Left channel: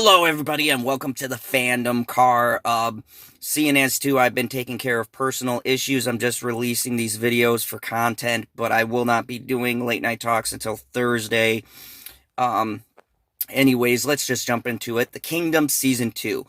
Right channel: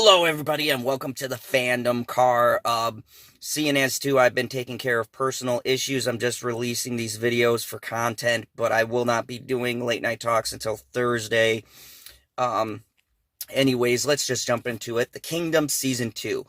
Hello, everybody, and welcome to the Fandom Car. CNS2, I've been taking care of personal issues. I'm just releasing these videos for content, but I will not be doing late night talks until Thursday. Anyways, let's just jump into it. The Kingdom Season 2.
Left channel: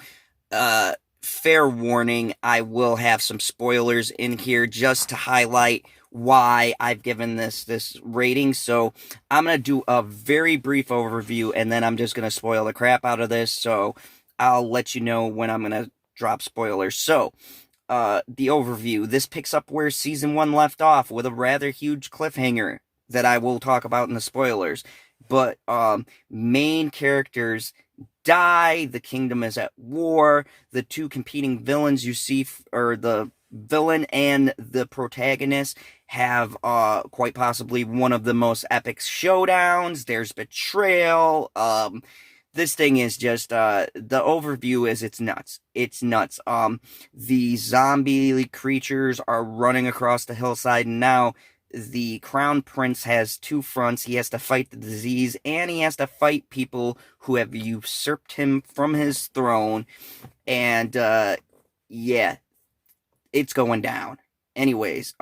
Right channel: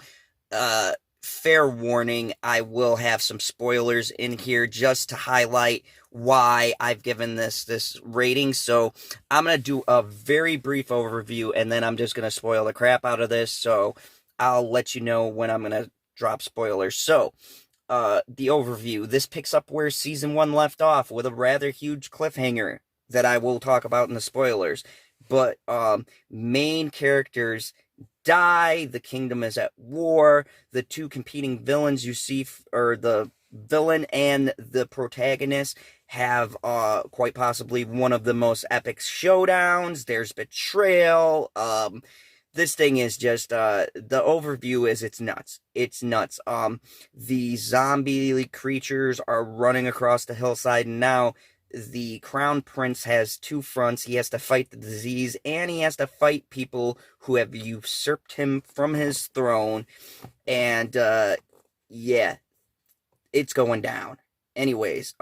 Fair warning, I will have some spoilers in here just to highlight why I've given this rating. So I'm going to do a very brief overview, and then I'm just going to spoil the crap out of this. So I'll let you know when I'm going to drop spoilers. So the overview. This picks up where Season 1 left off with a rather huge cliffhanger that I will talk about in the spoilers. But main characters die, the kingdom is at war, the two competing villains you see, or the villain and the protagonist, have quite possibly one of the most epic showdowns. There's betrayal. This thing is just, the overview is it's nuts. It's nuts. The zombie creatures are running across the hillside, and now the Crown Prince has two fronts. He has to fight the disease, and he has to fight people who have usurped him from his throne. And, yeah, it's going down. Anyways,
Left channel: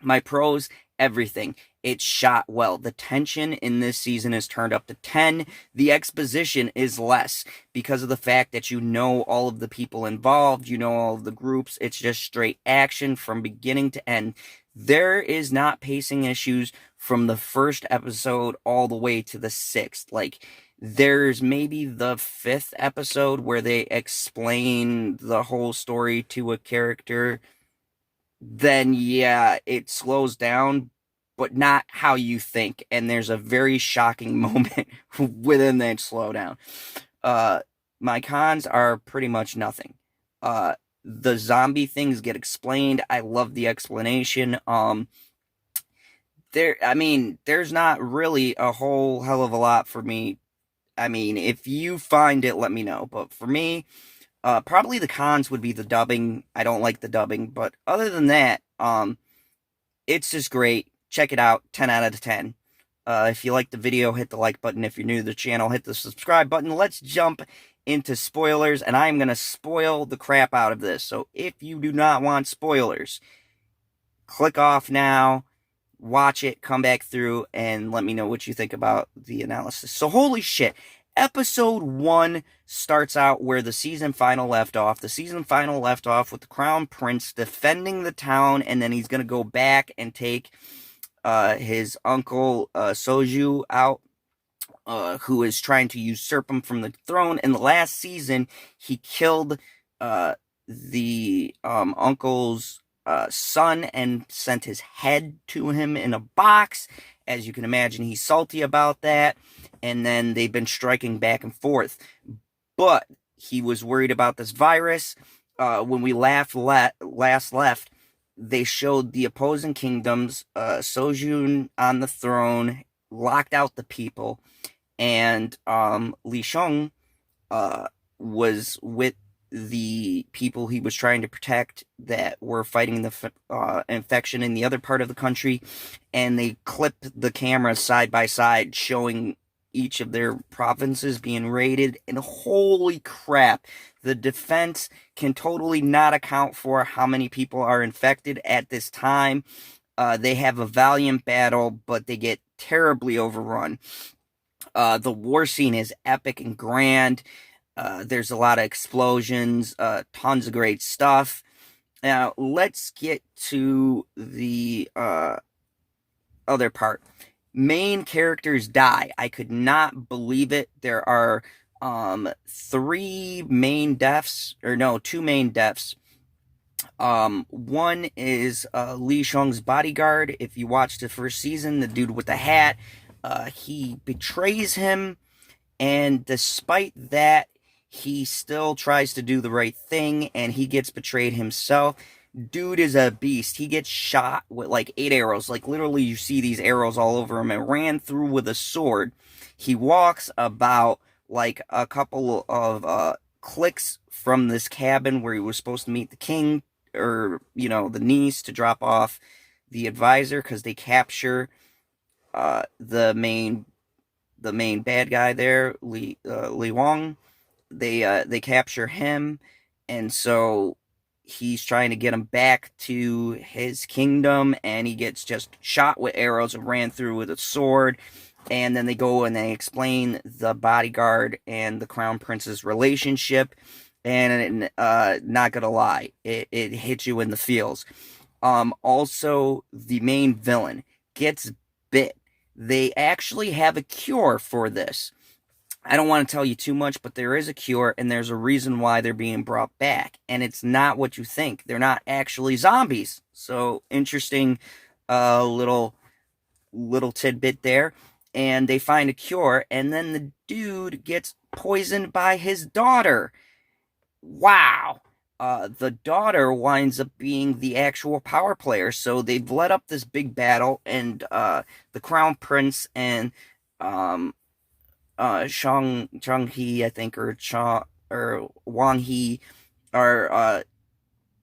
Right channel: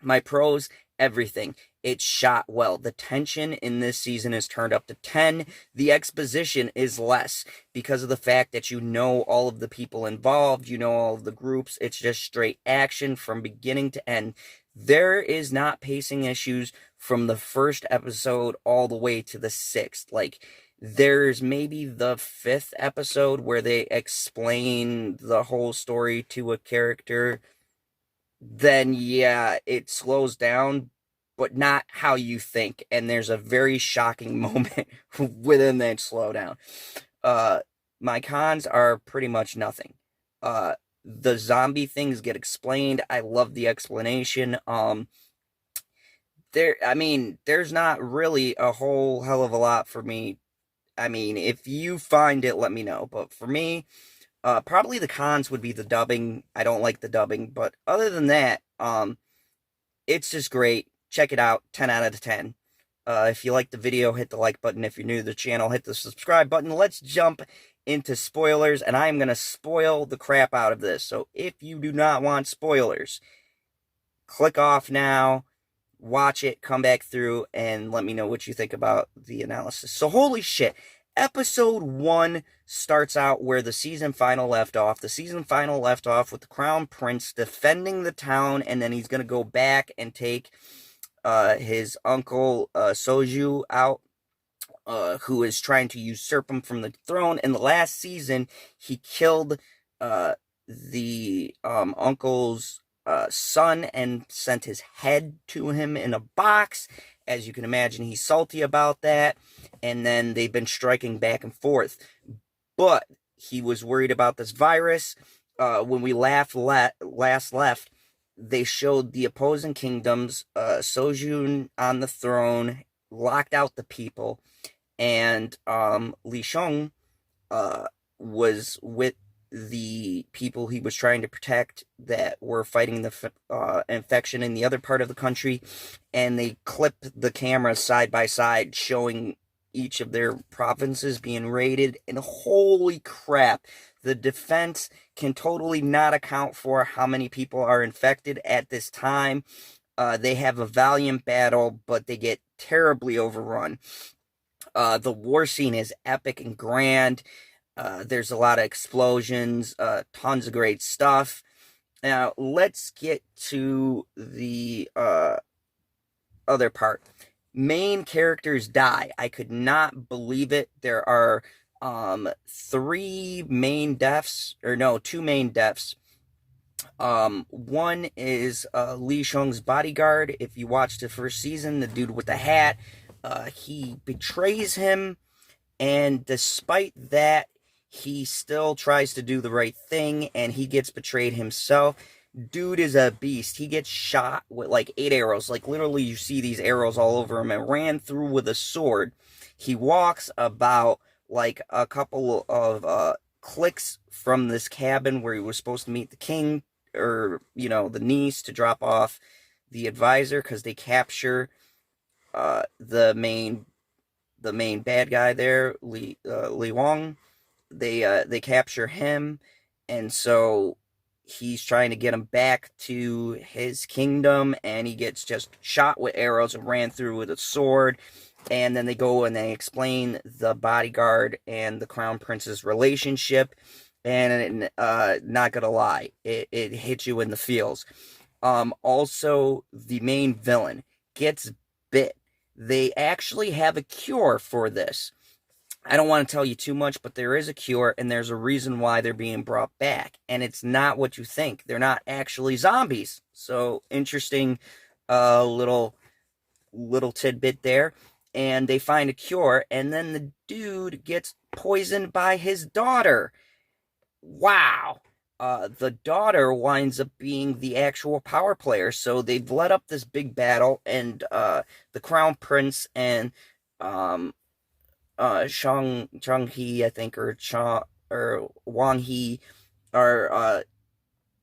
my pros, everything. It's shot well. The tension in this season is turned up to 10. The exposition is less because of the fact that you know all of the people involved, you know all of the groups. It's just straight action from beginning to end. There is not pacing issues from the first episode all the way to the 6th. Like, there's maybe the 5th episode where they explain the whole story to a character. Then, yeah, it slows down, but not how you think. And there's a very shocking moment within that slowdown. My cons are pretty much nothing. The zombie things get explained. I love the explanation. There's not really a whole hell of a lot for me. I mean, if you find it, let me know. But for me, probably the cons would be the dubbing. I don't like the dubbing, but other than that, it's just great. Check it out. 10 out of 10. If you like the video, hit the like button. If you're new to the channel, hit the subscribe button. Let's jump into spoilers, and I am going to spoil the crap out of this. So if you do not want spoilers, click off now, watch it, come back through, and let me know what you think about the analysis. So holy shit, episode 1 starts out where the season final left off. The season final left off with the Crown Prince defending the town, and then he's going to go back and take his uncle Soju out, who is trying to usurp him from the throne. In the last season, he killed the uncle's son and sent his head to him in a box. As you can imagine, he's salty about that. And then they've been striking back and forth. But he was worried about this virus. When we last left, they showed the opposing kingdoms, Joseon on the throne, locked out the people. And Lee Chang was with the people he was trying to protect that were fighting the infection in the other part of the country. And they clipped the cameras side by side, showing each of their provinces being raided. And holy crap, the defense can totally not account for how many people are infected at this time. They have a valiant battle, but they get terribly overrun. The war scene is epic and grand. There's a lot of explosions, tons of great stuff. Now, let's get to the other part. Main characters die. I could not believe it. There are 2 main deaths. One is Lee Chang's bodyguard. If you watched the first season, the dude with the hat, he betrays him, and despite that, he still tries to do the right thing, and he gets betrayed himself. Dude is a beast. He gets shot with like 8 arrows. Like, literally, you see these arrows all over him, and ran through with a sword. He walks about like a couple of clicks from this cabin where he was supposed to meet the king, or, you know, the niece, to drop off the advisor, because they capture the main bad guy there, Lee Wong. they capture him, and so he's trying to get him back to his kingdom, and he gets just shot with arrows and ran through with a sword. And then they go and they explain the bodyguard and the crown prince's relationship, and not gonna lie, it hits you in the feels. Also, the main villain gets bit. They actually have a cure for this. I don't want to tell you too much, but there is a cure, and there's a reason why they're being brought back. And it's not what you think. They're not actually zombies. So, interesting little tidbit there. And they find a cure, and then the dude gets poisoned by his daughter. Wow. The daughter winds up being the actual power player. So they've led up this big battle, and the Crown Prince and Chung Hee, I think, or Wang Hee are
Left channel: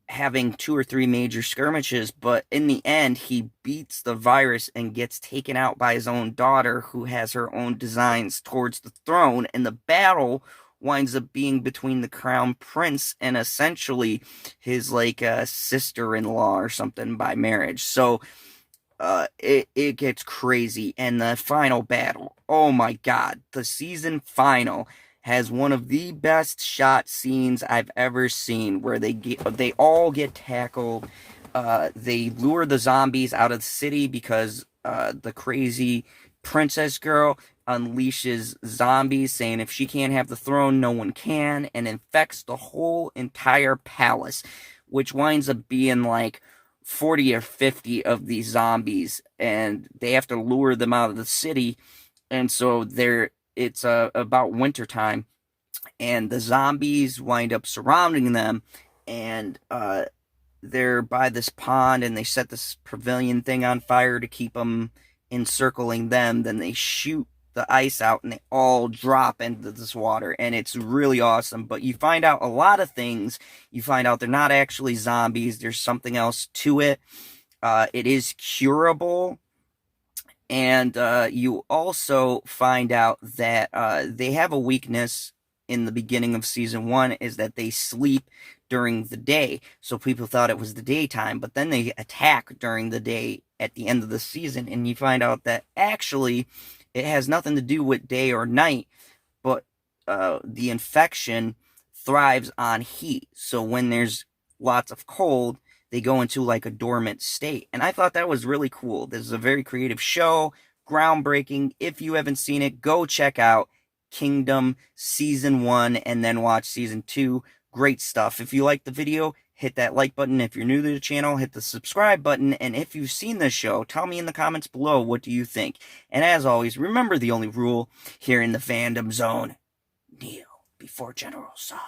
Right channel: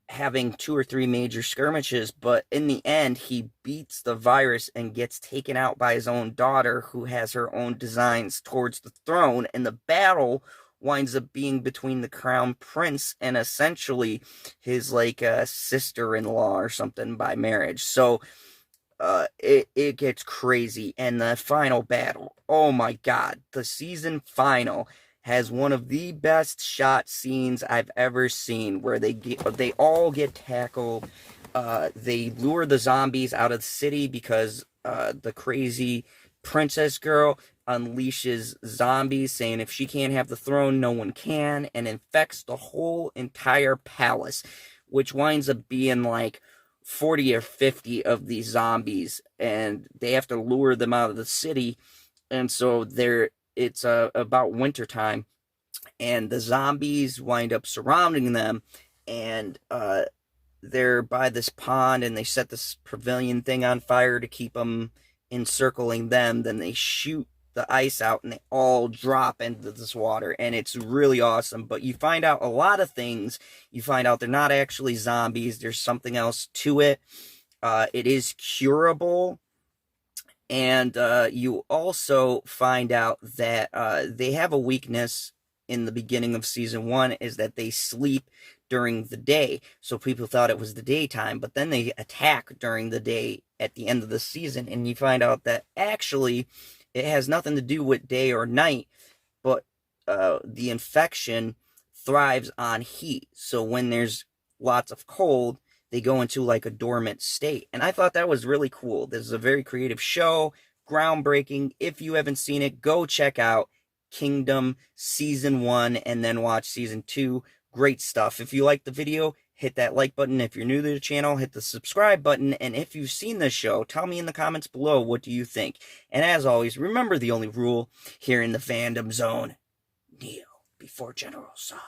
having 2 or 3 major skirmishes, but in the end, he beats the virus and gets taken out by his own daughter, who has her own designs towards the throne, and the battle winds up being between the Crown Prince and essentially his, like, sister-in-law or something by marriage. So, it gets crazy. And the final battle, oh my god, the season final has one of the best shot scenes I've ever seen, where they all get tackled. They lure the zombies out of the city because the crazy princess girl unleashes zombies, saying if she can't have the throne, no one can, and infects the whole entire palace, which winds up being like 40 or 50 of these zombies, and they have to lure them out of the city. And so it's about wintertime, and the zombies wind up surrounding them, and they're by this pond, and they set this pavilion thing on fire to keep them encircling them. Then they shoot the ice out, and they all drop into this water, and it's really awesome. But you find out a lot of things. You find out they're not actually zombies. There's something else to it. It is curable. And you also find out that they have a weakness in the beginning of season 1, is that they sleep during the day. So people thought it was the daytime, but then they attack during the day at the end of the season, and you find out that actually it has nothing to do with day or night, but the infection thrives on heat. So when there's lots of cold, they go into like a dormant state. And I thought that was really cool. This is a very creative show, groundbreaking. If you haven't seen it, go check out Kingdom Season 1 and then watch Season 2. Great stuff. If you liked the video, hit that like button. If you're new to the channel, hit the subscribe button. And if you've seen this show, tell me in the comments below, what do you think? And as always, remember the only rule here in the fandom zone: kneel before General Saw.